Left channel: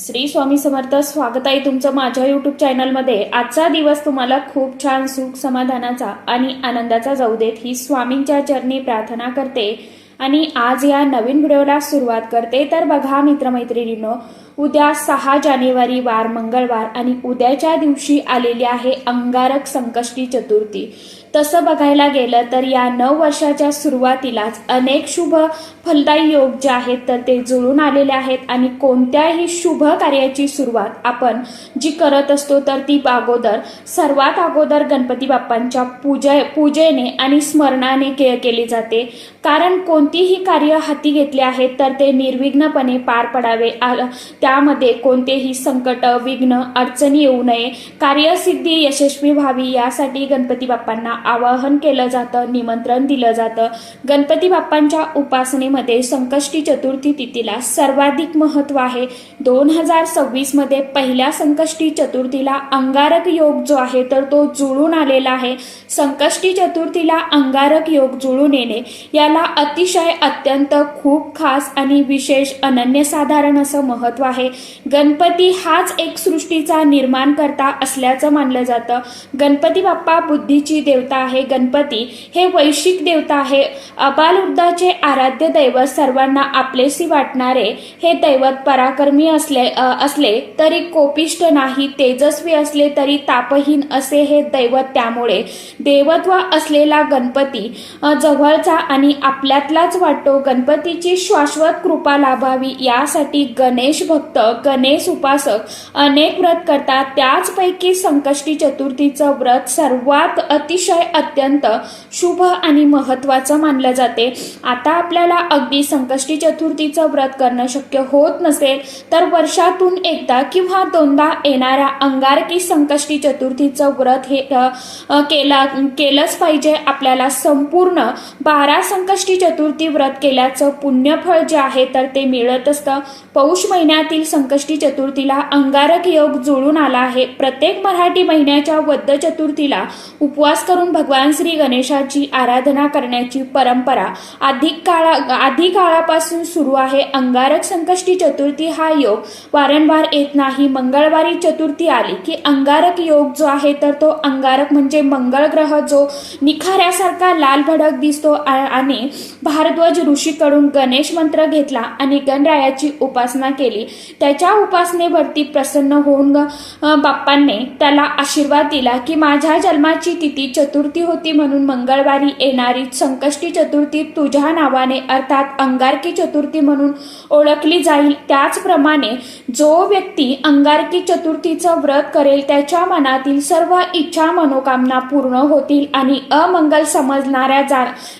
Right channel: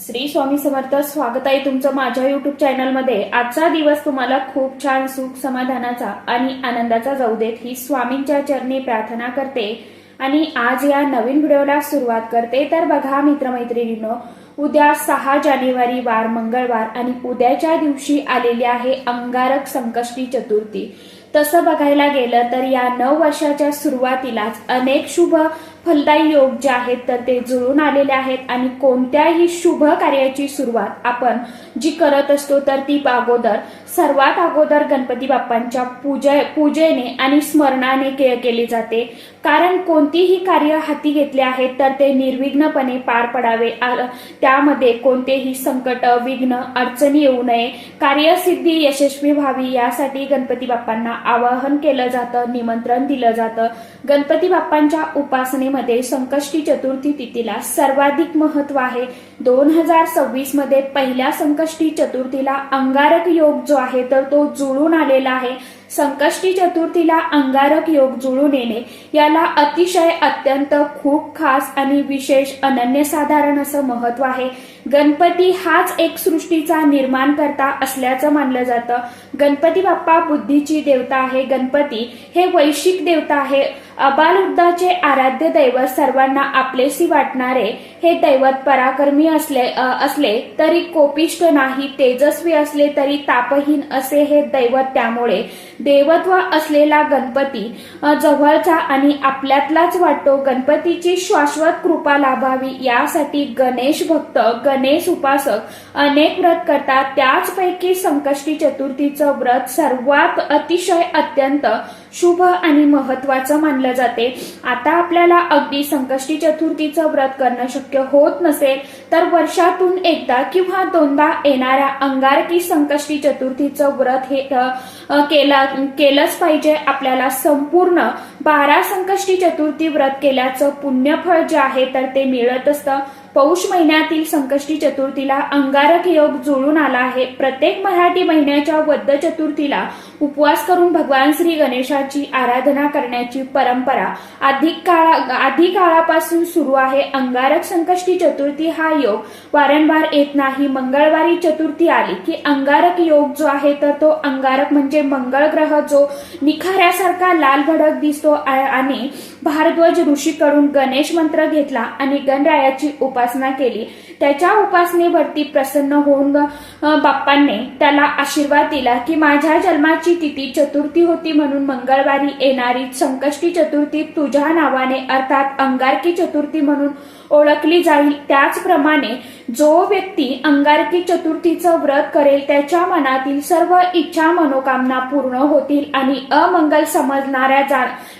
श्री स्वामी समर्थ. स्वागत आहे तुमचं माझ्या युट्यूब चॅनलमध्ये. आजचा दिवस तुम्हाला खूप छान सुख समाधानाचा आणि आनंदाचा जाऊ देत ही स्वामींच्या चरणी प्रार्थना करते आणि आज या नवीन व्हिडिओला सुरुवात करते. तर बघा मित्रमैत्रिणींनो, उद्या 6 जानेवारी वार मंगळवार आणि उद्याच्या दिवशी आलेली आहे अंगारक संकष्टी चतुर्थी. तसं बघायला गेलं तर या नववर्षाच्या सुरुवातीलाच अनेक शुभ फलदायी योग जे आहेत तर ते जुळून आलेले आहेत आणि कोणत्याही शुभ कार्याची सुरुवात आपण जी करत असतो तर ती सर्वात अगोदर गणपती बाप्पांच्या पूजेने आणि स्मरणाने केली जाते. कारण कोणतीही कार्य हाती घेतले आहेत तर ते निर्विघ्नपणे पार पडावे, त्यामध्ये कोणतेही संकट विघ्न अडचणी येऊ नये, कार्यसिद्धी यशस्वी व्हावी यासाठी गणपती बाप्पांना आवाहन केलं जातं, निमंत्रण दिलं जातं. गणपती बाप्पांच्या उपासनेमध्ये संकष्टी चतुर्थी तिथीला सर्वाधिक महत्व आहे. 2026 मध्ये पहिल्या संकष्टी चतुर्थीला अंगारक योग जो आहे तर तो जुळून आलेला आहे. संकष्टी चतुर्थीला अंगारक योग जुळून येणे याला अतिशय अत्यंत खूप खास आणि विशेष अनन्यसाधारण असं महत्व आहे. गणपती हाच एक सृष्टीचा निर्माण करता असल्याचं मानलं जातं. गणपती बाप्पा बुद्धीची देवता आहे. गणपती हे वैश्विक देवता आहे. अबालवृद्धाचे आराध्य दैवत, सर्वांना आपलेसी वाटणारे हे दैवत पराक्रमी असले तरी कोपिष्ट नाही, तेजस्वी असले तरी तापहीन असे हे दैवत. त्यामुळे देवत्व असलेला गणपती जवळचा आणि आपल्यातलाच वाटतो. गणपतीची शाश्वत कृपा लाभावी यासाठी गणेश भक्त, गणेश उपासक अनेक व्रत करतात. त्याचपैकी संकष्टी चतुर्थीचं व्रत सर्वात अतिशय अत्यंत शुभ आणि महत्वाचं मानलं जाते. आता आपल्याला अगदी संकष्टी चतुर्थीचं व्रत करणं शक्य होत नसेल तर वर्षातून एकदा किंवा दोनदा येणाऱ्या अंगारकी संकष्टी चतुर्थीचं व्रत हे केलंच पाहिजे. आपल्याला संपूर्ण 12 संकष्टी चतुर्थी व्रत केल्याचं पुण्यफळ जे आहे तर ते मिळत असतं. पौष महिन्यातील संकष्टी चतुर्थीला अंगारक योग जुळून आला आहे. प्रत्येक मराठी महिन्याच्या वद्ध चतुर्थीला उपवास करून भगवान श्री गणेशाची आराधना करण्याची परंपरा आधी काळापासून सुरू आहे. अंगारक संकष्टी चतुर्थी हा योग वारंवार येत नाही. मंगळवारी चतुर्थी आली की अंगारक योग जो आहे तर तो अंगारक म्हणजे मंगळ ग्रह जो निखाऱ्यासारखा लाल भडक दिसतो आणि भारद्वाज ऋषीकडून गणेश मंत्र घेतला आणि गणरायाची उपासना केली. त्याच्या उपासनेवरती प्रसन्न होऊन बाप्पांनी त्याला आशीर्वाद दिला की माझ्या जन्माची तिथी चतुर्थी होती म्हणून मंगळवारी येणारी संकष्टी चतुर्थी तुझ्या नावाने अर्थात अंगारकी चतुर्थी म्हणून ओळखली जाईल. त्याचप्रमाणे जो व्यक्ती अंगारकी चतुर्थीचं व्रत करेल त्याच्या मनातील सर्व इच्छा मनोकामना पूर्ण होतील आणि अमंगल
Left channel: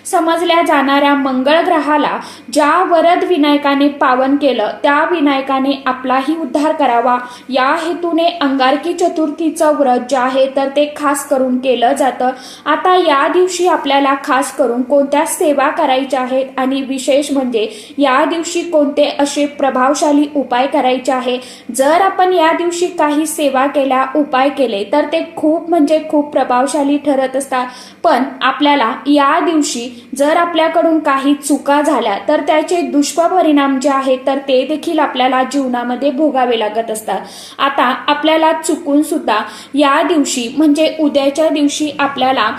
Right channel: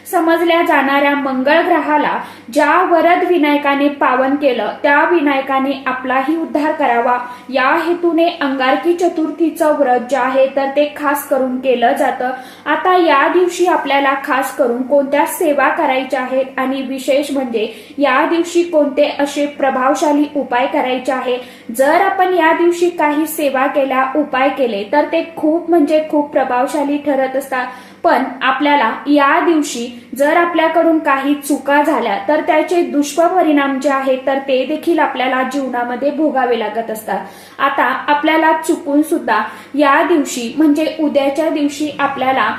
समजल्या जाणाऱ्या मंगळ ग्रहाला ज्या वरद विनायकाने पावन केलं त्या विनायकाने आपलाही उद्धार करावा या हेतूने अंगारकी चतुर्थीचं व्रत जे आहे तर ते खास करून केलं जातं. आता या दिवशी आपल्याला खास करून कोणत्या सेवा करायच्या आहेत आणि विशेष म्हणजे या दिवशी कोणते असे प्रभावशाली उपाय करायचे आहे. जर आपण या दिवशी काही सेवा केल्या, उपाय केले तर ते खूप म्हणजे खूप प्रभावशाली ठरत असतात. पण आपल्याला या दिवशी जर आपल्याकडून काही चुका झाल्या तर त्याचे दुष्परिणाम जे आहेत तर ते देखील आपल्याला जीवनामध्ये भोगावे लागत असतात. आता आपल्याला चुकून सुद्धा या दिवशी म्हणजे उद्याच्या दिवशी आपल्याला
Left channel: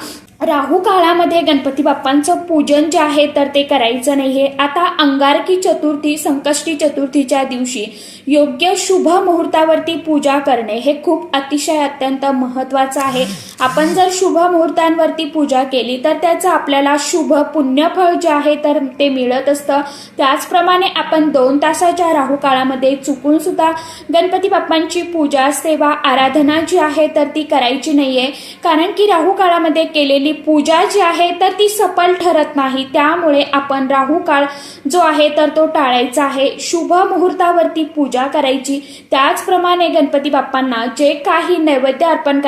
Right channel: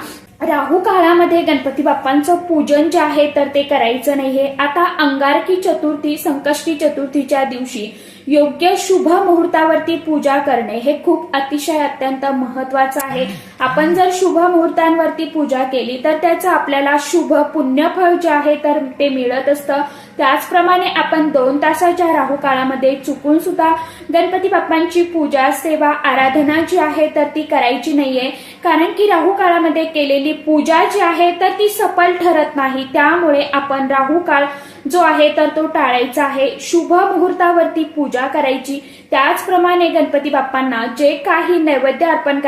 राहू काळामध्ये गणपती बाप्पांचं पूजन जे आहे तर ते करायचं नाहीये. आता अंगारकी चतुर्थी संकष्टी चतुर्थीच्या दिवशी योग्य शुभ मुहूर्तावरती पूजा करणे हे खूप अतिशय अत्यंत महत्वाचं आहे. आपण जर शुभ मुहूर्तांवरती पूजा केली तर त्याचं आपल्याला शुभ पुण्यफळ जे आहे तर ते मिळत असतं. त्याचप्रमाणे आपण 2 तासाच्या राहू काळामध्ये चुकून सुद्धा गणपती बाप्पांची पूजा सेवा आराधना जी आहे तर ती करायची नाहीये. कारण की राहू काळामध्ये केलेली पूजा जी आहे तर ती सफल ठरत नाही. त्यामुळे आपण राहू काळ जो आहे तर तो टाळायचा आहे. शुभ मुहूर्तावरती पूजा करायची. त्याचप्रमाणे गणपती बाप्पांना जे काही नैवेद्य अर्पण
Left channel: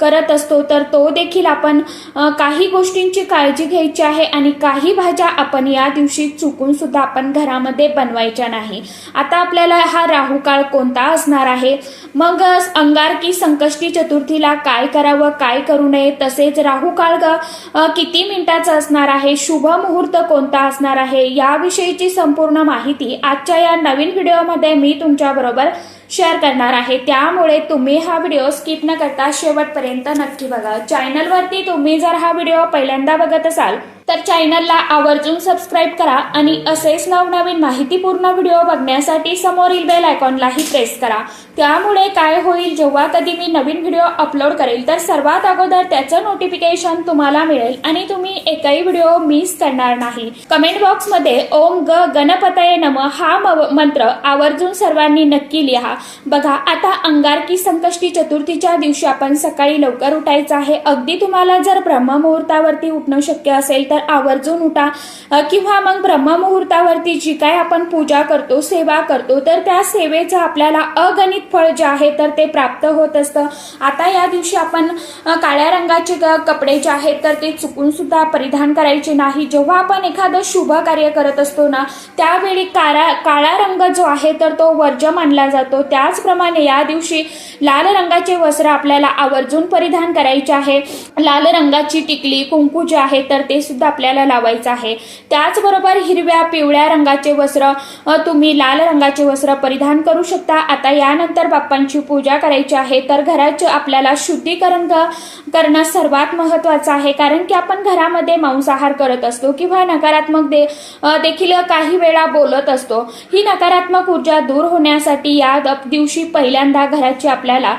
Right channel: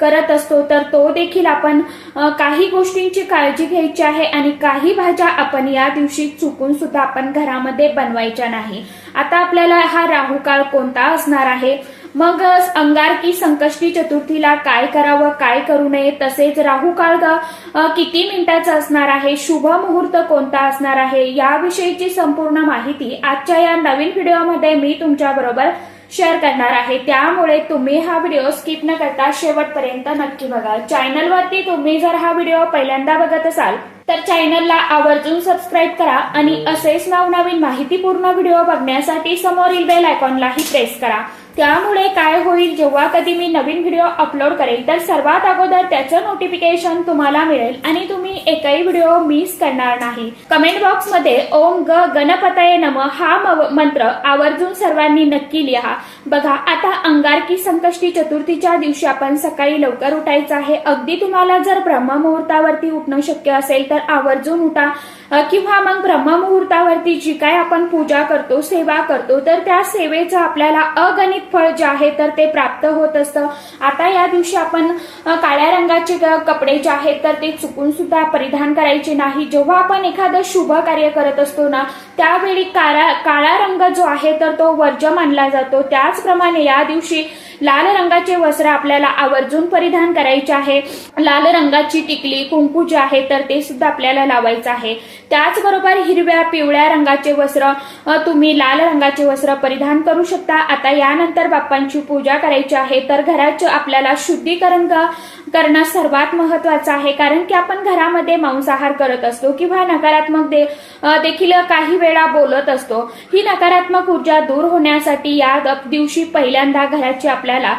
करत करत असतो तर तो देखील आपण काही गोष्टींची काळजी घ्यायची आहे आणि काही भाज्या आपण या दिवशी चुकून सुद्धा आपण घरामध्ये बनवायच्या नाही। आता आपल्याला हा राहू काळ कोणता असणार आहे, मग अंगारकी संकष्टी चतुर्थीला काय करावं काय करू नये, तसेच राहू काळ किती मिनिटाचा असणार आहे, शुभ मुहूर्त कोणता असणार आहे, याविषयीची संपूर्ण माहिती आजच्या या नवीन व्हिडिओमध्ये मी तुमच्या बरोबर शेअर करणार आहे। त्यामुळे तुम्ही हा व्हिडिओ स्किप न करता शेवटपर्यंत नक्की बघा। चॅनलवरती तुम्ही जर हा व्हिडिओ पहिल्यांदा बघत असाल तर चॅनलला आवर्जून सबस्क्राईब करा आणि असेच नवनवीन माहितीपूर्ण व्हिडिओ बघण्यासाठी समोरील बेल आयकॉनलाही प्रेस करा। त्यामुळे काय होईल, जेव्हा कधी मी नवीन व्हिडिओ अपलोड करेल तर सर्वात अगोदर त्याचं नोटिफिकेशन तुम्हाला मिळेल आणि तुम्ही एकही व्हिडिओ मिस करणार नाही। कमेंट बॉक्स मध्ये ओम गणपतये नमः हा मंत्र आवर्जून सर्वांनी नक्की लिहा। बघा, आता अंगारकी संकष्टी चतुर्थीच्या दिवशी आपण सकाळी लवकर उठायचं आहे। अगदी तुम्हाला जर ब्रह्ममुहूर्तावरती उठणं शक्य असेल तर आवर्जून उठा, किंवा मग ब्रह्ममुहूर्तावरती जी काय आपण पूजा करतो सेवा करतो तर त्या सेवेचं आपल्याला अगणित फळ जे आहे तर ते प्राप्त होत असतं। आता या दिवशी आपण काळ्या रंगाचे कपडे जे आहेत तर ते चुकून सुद्धा परिधान करायचे नाही। जेव्हा आपण एखादं शुभ कार्य करत असतो ना त्यावेळी काळा रंग जो आहे तर तो वर्ज्य मानला जातो। त्याचप्रमाणे या दिवशी लाल रंगाचे वस्त्र आपल्याला आवर्जून परिधान करायचे आहे। लाल रंगाची टिकली कुंकू जे आहे तर ते सुद्धा आपल्याला लावायचं आहे। त्याचबरोबर हिरव्या पिवळ्या रंगाचे वस्त्र तुम्ही लाल रंगाचे वस्त्र परिधान करू शकता। आता यानंतर बाप्पांची पूजा करायची आहे तर घराचे आपल्याला शुद्धीकरण करणं सर्वात महत्वाचं आहे, कारण की आपण घरामध्ये मांसाहार करत असतो किंवा नकारात्मक देखील काही वेळा बोलत असतो। ही नकारात्मक ऊर्जा दूर होण्यासाठी या दिवशी पहिल्यांदा घराची आपल्याला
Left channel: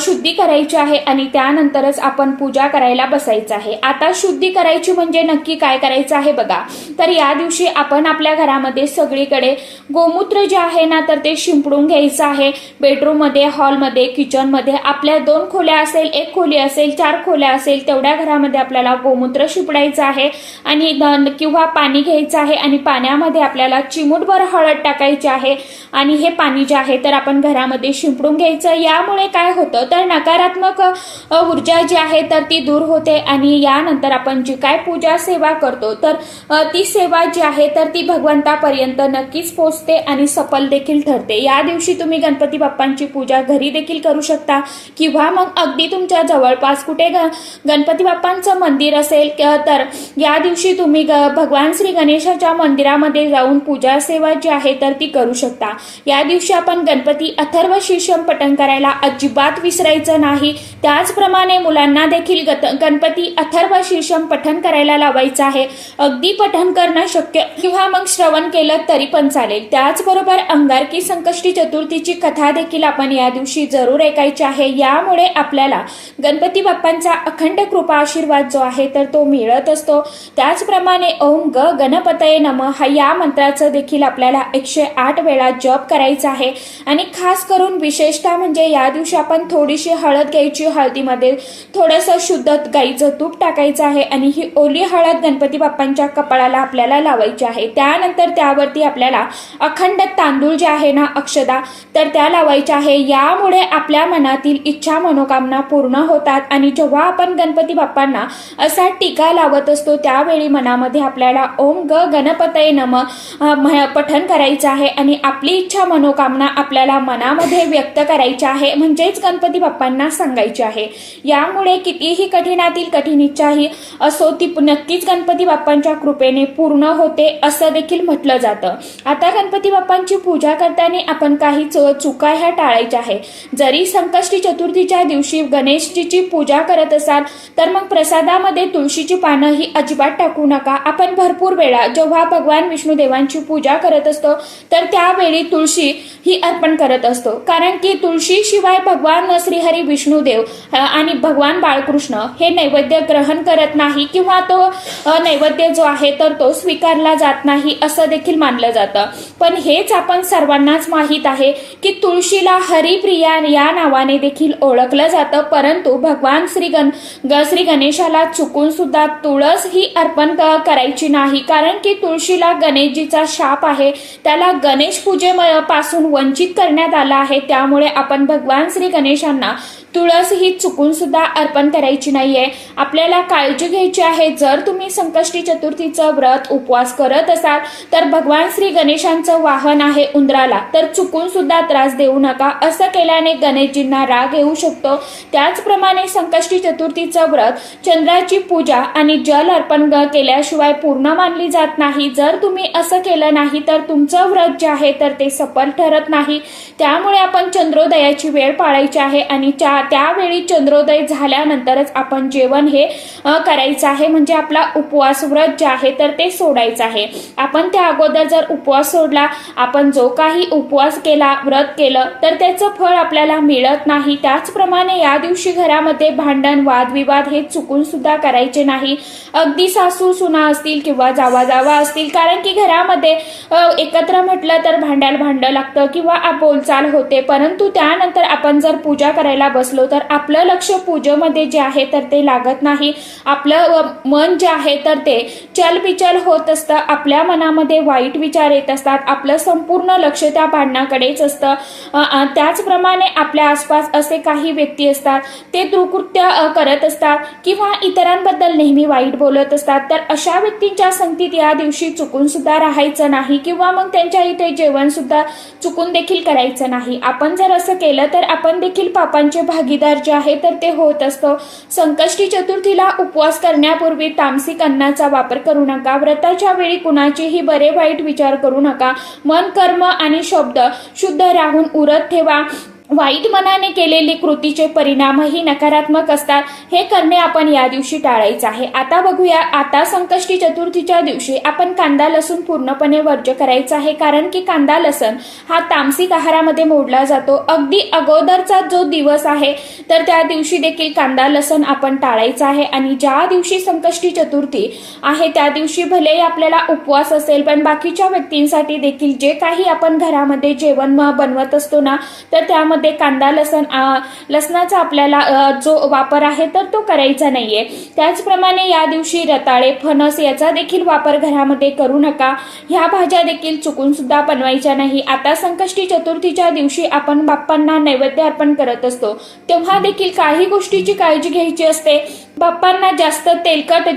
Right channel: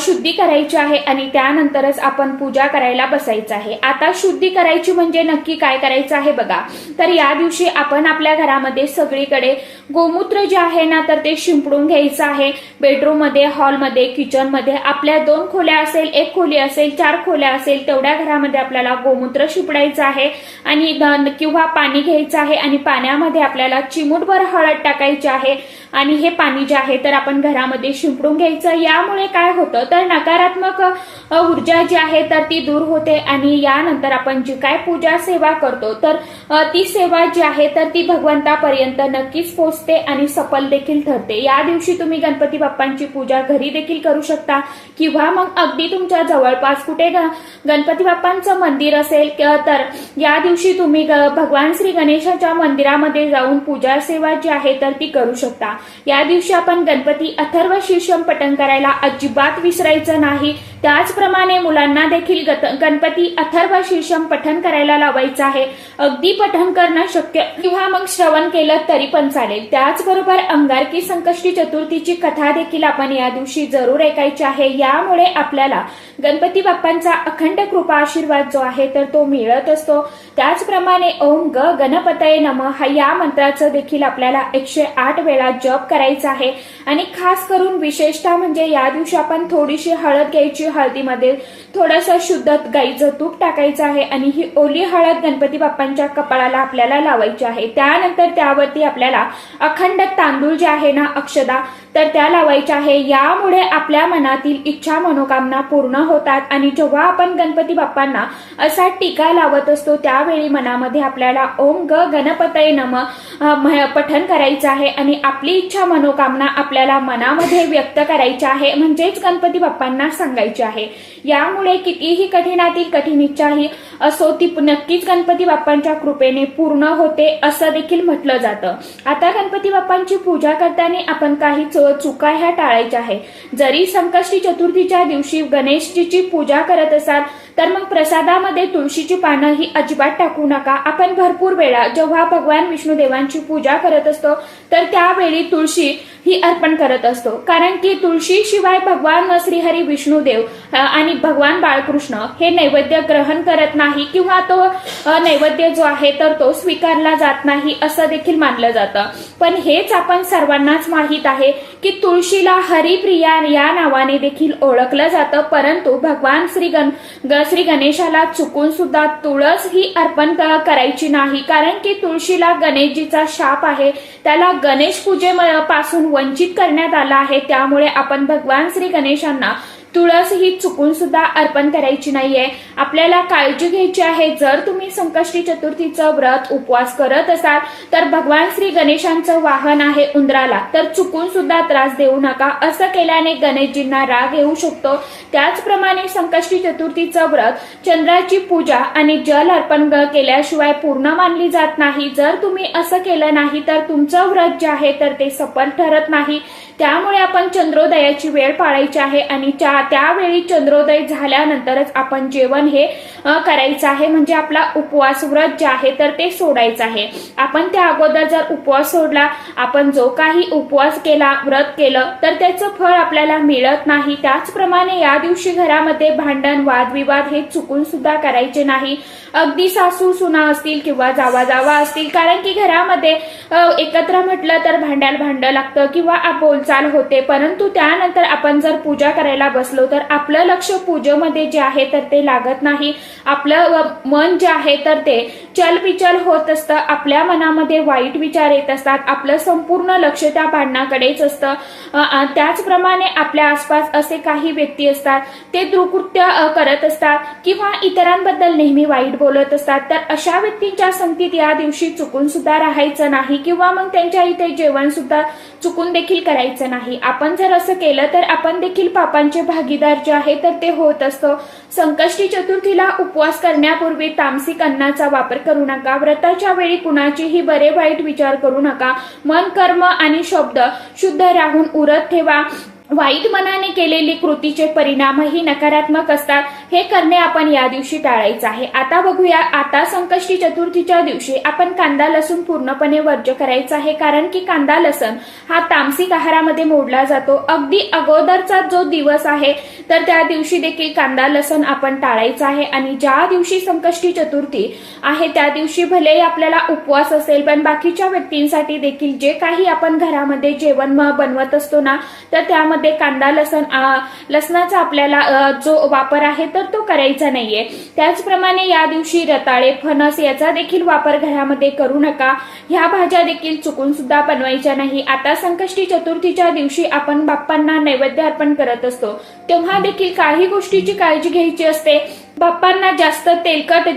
शुद्धी करायची आहे आणि त्यानंतरच आपण पूजा करायला बसायचं आहे। आता शुद्धी करायची म्हणजे नक्की काय करायचं आहे बघा, तर या दिवशी आपण आपल्या घरामध्ये सगळीकडे गोमूत्र जे आहे ना तर ते शिंपडून घ्यायचं आहे। बेडरूम मध्ये, हॉलमध्ये, किचन मध्ये, आपल्या 2 खोल्या असेल, 1 खोली असेल, 4 खोल्या असेल तेवढ्या घरामध्ये आपल्याला गोमूत्र शिंपडायचं आहे आणि किंवा पाणी घ्यायचं आहे आणि पाण्यामध्ये आपल्याला चिमूटभर हळद टाकायची आहे आणि हे पाणी जे आहे तर आपण घरामध्ये शिंपडून घ्यायचं। यामुळे काय होतं तर नकारात्मक ऊर्जा जी आहे तर ती दूर होते आणि यानंतर आपण जी काय पूजा सेवा करतो तर ती सेवा जी आहे तर ती भगवंतापर्यंत नक्कीच पोहोचते आणि सफल देखील ठरते। या दिवशी तुम्ही गणपती बाप्पांची पूजा घरी देखील करू शकता किंवा मग अगदी तुमच्या जवळपास कुठे गणपती बाप्पांचं मंदिर असेल तर या दिवशी तुम्ही भगवान श्री गणेशाच्या मंदिरामध्ये जाऊन पूजा सेवा जी आहे तर ती करू शकता। या दिवशी आपण गणपती अथर्व शीर्षम पठण करायला अजिबात विसरायचं नाही। त्याचप्रमाणे मुलांना देखील गणपती अथर्व शीर्षम पठण करायला लावायचं आहे। अगदी पठण करणं शक्य किंवा मग श्रवण केलं तरी पण चालेल। त्याचबरोबर अंगारकी संकष्टी चतुर्थीची कथा देखील आपण या दिवशी जरूर ऐकायची आहे। यामुळे आपल्याला गणपती बाप्पांचा अखंड कृपा आशीर्वाद जो आहे तर तो मिळत असतो। त्याचप्रमाणे ओम गणपतये नमः या मंत्राचं देखील आपल्याला 108 वेळा जप करायचा आहे आणि खास करून विशेषतः म्हणजे या दिवशी आपण थोडीशी हळद घ्यायची, हळदीमध्ये थोडंसं शुद्ध गाईचं तूप टाकायचं आहे आणि ही ओली हळद गणपती बाप्पांच्या कपाळाला आपल्याला लावायची आहे। त्यानंतर त्यावरती आपल्याला अखंड तांदूळ जे आहे ना अक्षदा तर त्या लावायच्या आहे। यामुळे आपल्या मनातील इच्छा मनोकामना पूर्ण होतात आणि जेव्हा आपण गणपती बाप्पांना असा टीका लावत असतो त्यावेळी मनामध्ये आपल्याला ओम गणपतये नमः पठण करायचं आहे आणि आपली इच्छा मनोकामना आपल्याला मनामध्ये व्यक्त करायची आहे, म्हणजेच गणपती बाप्पांना सांगायची आहे। यामुळे कितीही कठीणातील कठीण इच्छा ही असो ती नक्कीच गणपती बाप्पांच्या कृपेने पूर्ण होते असं देखील म्हटलं जातं। आता गणपती बाप्पांची पूजा करताना आपण काही चुका ह्या टाळायच्या आहे। जरी संकष्टी चतुर्थीच्या दिवशी गणेशजीची पूजा करत असाल तर मग प्रसादामध्ये तुळशीची पानं ही अजिबात टाकू नका। आपण भरपूर वेळा जेव्हा भगवान विष्णुदेवांची पूजा करत असतो तर त्यावेळी तुळशी ही अर्पण करत असतो, कारण की तुळशी शिवाय भगवान श्रीहरी विष्णुदेव आणि भगवान बाळकृष्ण हे नैवेद्य ग्रहण करत नाही किंवा तो नैवेद्य जो आहे तर तो स्वीकारला जात नाही असं देखील मानलं जातं। पण हेच आपण सर्वांनाच माहित आहे की तुळशीला हरिप्रिया या नावाने देखील ओळखलं जातं, परंतु भगवान श्री गणेशाला चुकून सुद्धा तुळस ही अर्पण करायची नाही, कारण की तुळशीला गणेशजीचा शाप आहे, त्याला गणेश पूजेपासून वंचित करण्यात आला आहे। त्यामुळे आपण भगवान श्री गणेशांना तुळस ही चुकून सुद्धा अर्पण करायची नाहीये. आपल्याला काळजी घ्यायची आहे. जर तुम्ही संकष्टी चतुर्थीचं व्रत उपवास करत असाल तर भगवान श्री गणेशांचं वाहन आहे उंदराला, तर चुकून सुद्धा त्रास देऊ नका. असं केल्याने गणेशजींना राग येऊ शकतो. त्याचप्रमाणे संकष्टी चतुर्थीचं व्रत चंद्राची पूजा आणि जल अर्पण केल्याशिवाय पूर्ण मानली जात नाही. जर तुम्ही असं केलं नाही तर तुमचं व्रत जे आहे तर ते सफल ठरत नाही. त्यामुळे आपण चंद्रोदयाची वेळ पाळायची आहे आणि त्यावेळी चंद्रोदय झाल्यानंतरच आपण जेवण हे करायचं आहे. म्हणजे आपला उपवास व्रत जे आहे तर ते सोडायचं आहे. आपण त्या अगोदर जर उपवास सोडला, आपण जो काही उपवास केला, व्रत केलं, तर त्याचं फळ आपल्याला मिळत नाही. त्याचप्रमाणे या दिवशी घरामध्ये भांडण, वादविवाद हे चुकून सुद्धा करायचे नाही. अगदी सासू सुना असतील किंवा जावा असतील, कारण की घरामध्ये एकत्र म्हटलं तर भांडं लागतं किंवा बोलचाल होते. परंतु त्यानंतर आपण जर पूजा करायला बसलो तर आपलं लक्ष पूजेमध्ये जे आहे तर ते लागत नाही. आपलं मन जे आहे तर ते चलबिचल होत असतं. आपल्या मनामध्ये वाईट विचार येत असतात. आपलं संपूर्ण लक्ष त्या भांडणाकडेच असतं. त्याचप्रमाणे आपल्या आसपास असे काही व्यक्ती असतात, ते दुष्कृत्य करत असतात किंवा इतरांबद्दल नेहमी वाईट बोलत असतात. तर अशा व्यक्तींच्या संगतीत या दिवशी चुकून सुद्धा राहायचं नाही किंवा मग त्यांच्या इथे जेवण सुद्धा चुकून देखील करायचं नाही. आपण जर असं केलं तर आपण देखील पापांचे भागीदार जे आहे तर ते होत असतो. संकष्टी चतुर्थीला उपवास करण्यापूर्वी तामसिक अन्नाचा वापर करू नका. व्रताच्या वेळी कुणाचेही बरे वाईट विचार करू नका. मन, कर्म आणि शब्द शुद्ध राहून उरत ठेवा. वाईट मनाने केलेली कृतीचे परिणामही नकारात्मक असतात. हे करणे आपण या दिवशी टाळायचं आहे. आता बघूया, आता संकष्टी चतुर्थीच्या दिवशी आपण कांदा लसूण पूर्णपणे वर्ज्य करायचा आहे. कारण की कांदा लसूण हा तामसिक आहारामध्ये मोडला जातो. अगदी अगोदरचा जो दिवस आहे तर त्या दिवशी देखील कांदा लसूण आपण टाळायचा आहे. आणि ज्या दिवशी संकष्टी चतुर्थी आहे त्या दिवशी भलेही आपल्याला उपवास असेल, पण बाकीच्या व्यक्तींसाठी देखील जे काही आपण घरामध्ये जेवण बनवत असतो ना, तर त्यामध्ये कांदा लसणाचा आपल्याला जो वापर आहे तर तो करायचा नाहीये. त्याचप्रमाणे या दिवशी रताळे, फणस याचा देखील वापर घरामध्ये करू नका. ह्या भाज्या देखील चुकून सुद्धा बनवायच्या नाही. आता संकष्टी चतुर्थीच्या दिवशी आपण बाप्पांना नैवेद्य अर्पण करत असतो, तेव्हा देखील काही गोष्टीची काळजी घ्यायची असते. बाप्पांना जास्त तेलकट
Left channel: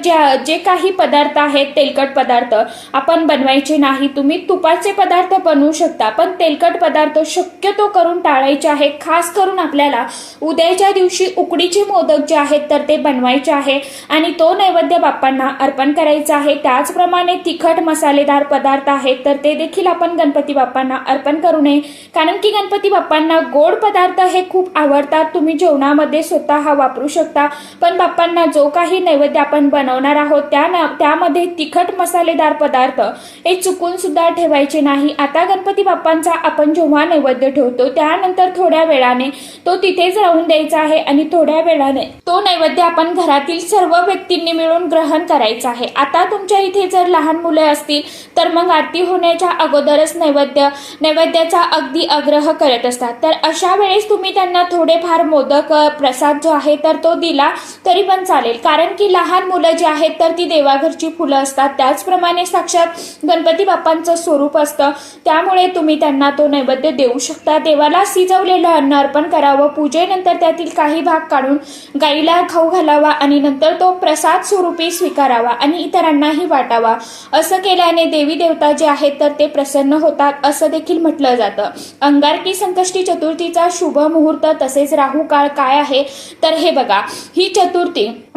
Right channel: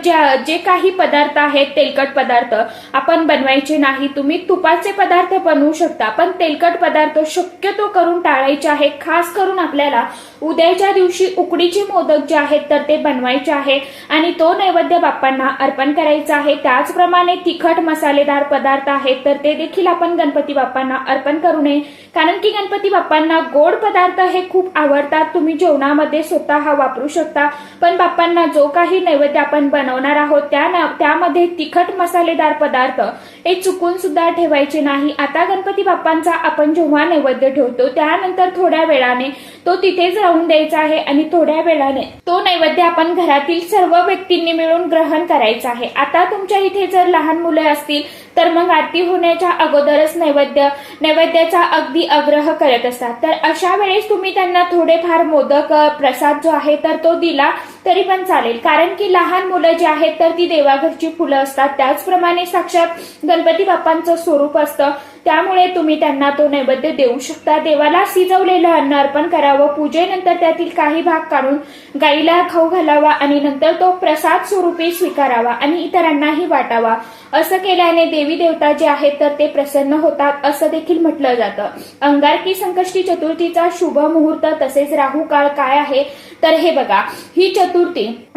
जे काही पदार्थ आहेत, तेलकट पदार्थ आपण बनवायचे नाही. तुम्ही तुपाचे पदार्थ बनवू शकता, पण तेलकट पदार्थ शक्यतो करून टाळायचे आहे. खास करून आपल्याला उद्याच्या दिवशी उकडीचे मोदक जे आहेत तर ते बनवायचे आहे आणि तो नैवेद्य बाप्पांना अर्पण करायचा आहे. त्याचप्रमाणे तिखट मसालेदार पदार्थ आहेत तर ते देखील आपण गणपती बाप्पांना अर्पण करू नये. कारण की गणपती बाप्पांना गोड पदार्थ हे खूप आवडतात. तुम्ही जेवणामध्ये स्वतः वापरू शकता, पण बाप्पांना जो काही नैवेद्य आपण बनवणार आहोत त्यामध्ये तिखट मसालेदार पदार्थ हे चुकून सुद्धा ठेवायचे नाही. आता गणपती बाप्पांचा आपण जेव्हा नैवेद्य ठेवतो त्यानंतर थोड्या वेळाने तो तिथेच राहून द्यायचा आहे आणि थोड्या वेळाने तो नैवेद्य आपण घरातील सर्व व्यक्तींनी मिळून ग्रहण करायचा आहे. आता तुमच्या इथे जर लहान मुले असतील तर मग आरती होण्याच्या अगोदरच नैवेद्याचा अगदी आग्रह करत असतात. तर अशा वेळेस तुम्ही त्यांना थोडेफार मोदक प्रसाद जो आहे तर तो दिला तरी पण चालेल. कारण की लहान मुलं जी आहेत तर ती देवाघरची फुलं असतात. त्याचप्रमाणे साक्षात गणपती बाप्पांचं स्वरूप असतं. त्यामुळे तुम्ही त्यांना तो नैवेद्य देऊ शकता. देवाला शिजवलेलं अन्न अर्पण करावं. पूजेनंतर त्यातील काही भाग काढून गाईला खाऊ घालावा आणि नंतर तो प्रसाद स्वरूपी स्वीकारावा आणि इतरांनाही वाटावा. असं केल्याने देवी देवता जे आहेत तर ते प्रसन्न होतात असं देखील म्हटलं जातं. अंगारकी संकष्टी चतुर्थीचा शुभ मुहूर्त तसेच राहू काळ काय आहे तर हे बघा, ही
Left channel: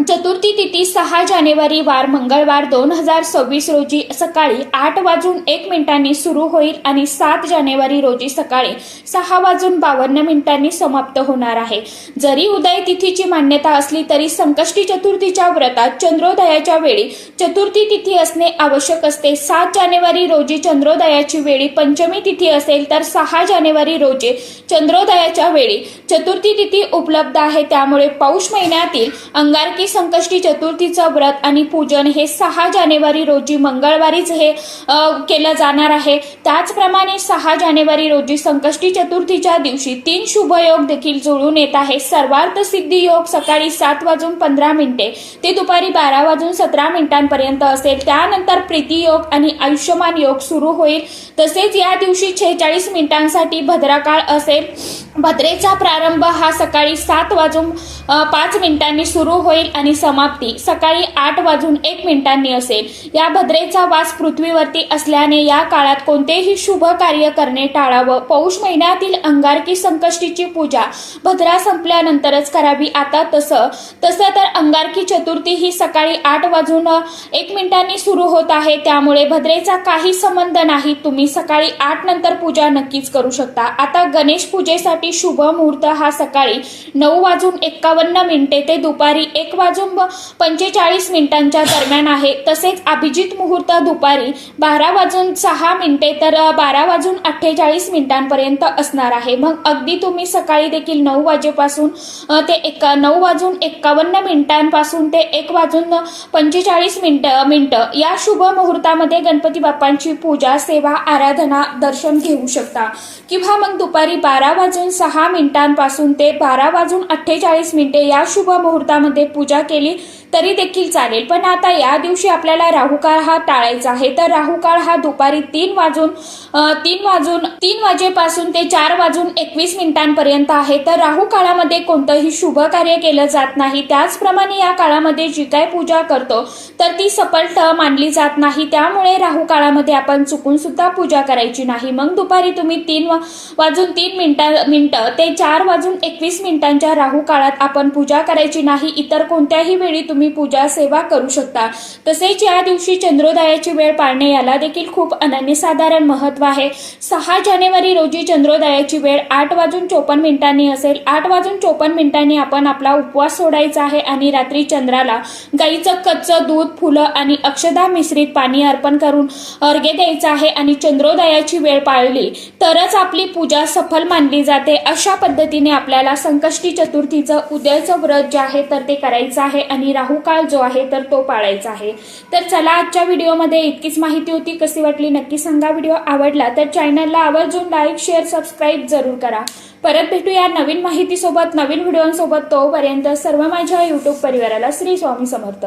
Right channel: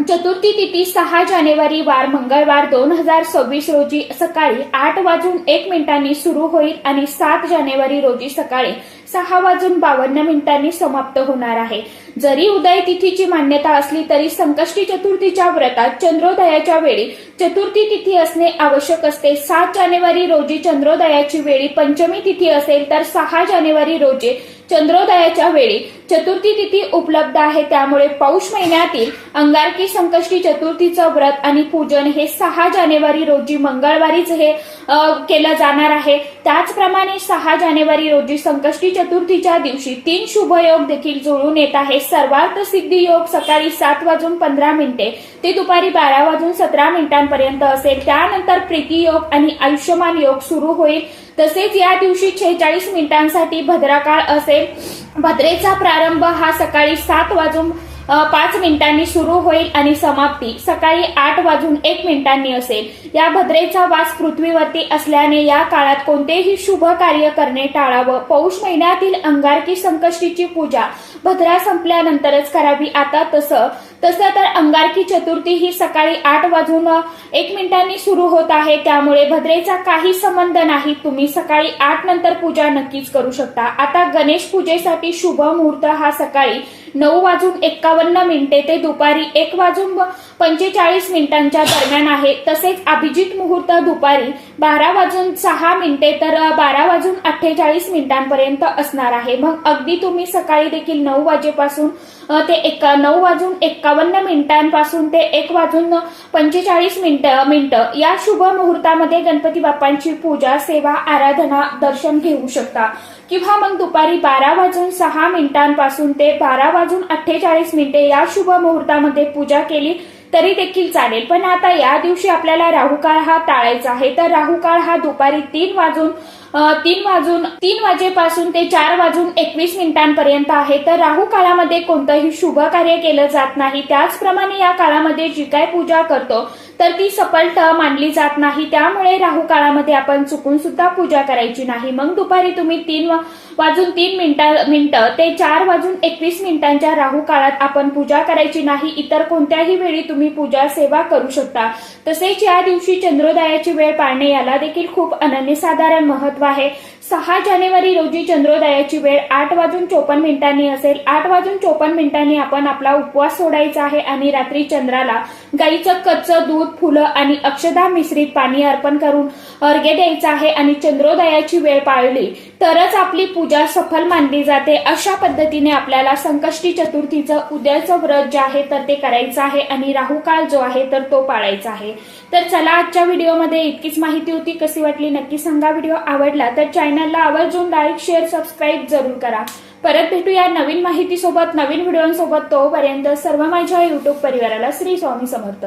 चतुर्थी तिथी 6 जानेवारी वार मंगळवार 2026 रोजी सकाळी 8:01 सुरू होईल आणि 7 जानेवारी रोजी सकाळी 6:52 समाप्त होणार आहे. जरी उदय तिथीची मान्यता असली तरी संकष्टी चतुर्थीच्या व्रतात चंद्रोदयाच्या वेळी चतुर्थी तिथी असणे आवश्यक असते. 7 जानेवारी रोजी चंद्रोदयाची वेळी पंचमी तिथी असेल तर 6 जानेवारी रोजी चंद्रोदयाच्या वेळी चतुर्थी तिथी उपलब्ध आहे. त्यामुळे पौष महिन्यातील अंगारकी संकष्टी चतुर्थीचं व्रत आणि पूजन हे 6 जानेवारी रोजी मंगळवारीच हे केलं जाणार आहे. त्याचप्रमाणे 6 जानेवारी रोजी संकष्टी चतुर्थीच्या दिवशी 3 शुभयोग देखील जुळून येत आहे. सर्वार्थ सिद्धी योग सकाळी 7:15 ते दुपारी 12:17 पर्यंत असेल. त्यानंतर प्रीती योग आणि आयुष्यमान योग सुरू होईल. तसेच या दिवशी 46 मिनिटांसाठी भद्राकाळ असेल. भद्रेचा प्रारंभ हा सकाळी 7:05 सुरू होईल आणि समाप्ती सकाळी 8:01 असेल. या भद्रेचा वास पृथ्वीवरती असल्याने या काळात कोणतेही शुभ कार्य करणे टाळावं. पौष महिन्यातील अंगारकी संकष्टीची पूजा भद्रा संपल्यानंतरच करावी. आता तसं तर अंगारकी चतुर्थी ही सकाळी 8:01 सुरू होत आहे, त्यामुळे भद्रेचा काही संबंध नाही. तुम्ही सकाळी 8 नंतर पूजा नक्कीच करू शकता. आता गणेश पूजेसाठी शुभ मुहूर्त हा सकाळी 9:51 ते दुपारी 1:45 दरम्यान आहे. तसेच अभिजित मुहूर्त दुपारी 12:06 तर 12:48 पर्यंत असणार आहे. मग अगदी तुम्ही सकाळी देखील 9 वाजेपासून ते 9:51 पासून ते 1:45 या शुभ मुहूर्तामध्ये गणपती बाप्पांची पूजा, सेवा, आराधना, दर्शन घेऊ शकता. किंवा मग दुपारी 12:06 पासून ते 12:48 या शुभ मुहूर्तामध्ये पूजा केली तरी देखील चालेल. पण आता या दिवशी आपल्याला राहुकाळ हा टाळायचा आहे. तर राहुकाळ हा दुपारी 3 वाजेपासून ते 4:21 पर्यंत आहे. तर राहू काळामध्ये कोणतंही शुभ कार्य केलं जात नाही. त्याचप्रमाणे या काळामध्ये जी काय पूजा करतो तर ती सफल मानली जात नाही. त्यामुळे राहू काळामध्ये आपण चुकून सुद्धा पूजा करायची नाही. मग दुपारी तुम्ही 3:03 ते 4:21 राहू काळात आपण पूजा करायची नाही. इतर कोणत्याही वेळी तुम्ही पूजा, सेवा करू शकता. तसेच या दिवशी चंद्रोदयाची वेळ पाळणे याला देखील खूप अनन्यसाधारण महत्व आहे. 6 जानेवारी रोजी चंद्रोदयाची वेळ 8:54 असेल. 8:54 आपण आपला उपवास सोडायचा आहे आणि रात्री चंद्राला गाईचं कच्चं दूध, फुलं आणि अक्षदा मिश्रित पाणी अर्पण करून अर्घ्य द्यायचं आहे. आणि चंद्रोदयाची वेळ पाळली तरच आपली पूजा सफल मानली जाते. अशा पद्धतीने आपल्याला संकष्टी चतुर्थीचं उद्याचं व्रत जे आहे तर ते करायचं आहे आणि राहुकाळ जो आहे तर तो पाळायचा आहे. तर चला, आजच्या व्हिडिओमध्ये इतकीच माहिती होती. कशी वाटली नक्की सांगा. व्हिडिओ आवडला तर चॅनलला आवर्जून लाईक, शेअर, सबस्क्राईब जरूर करा. परत भेटूया नवीन माहितीसोबत, नवीन व्हिडिओसोबत. तोपर्यंत सर्व माझ्या युट्यूब परिवाराला श्री स्वामी समर्थ.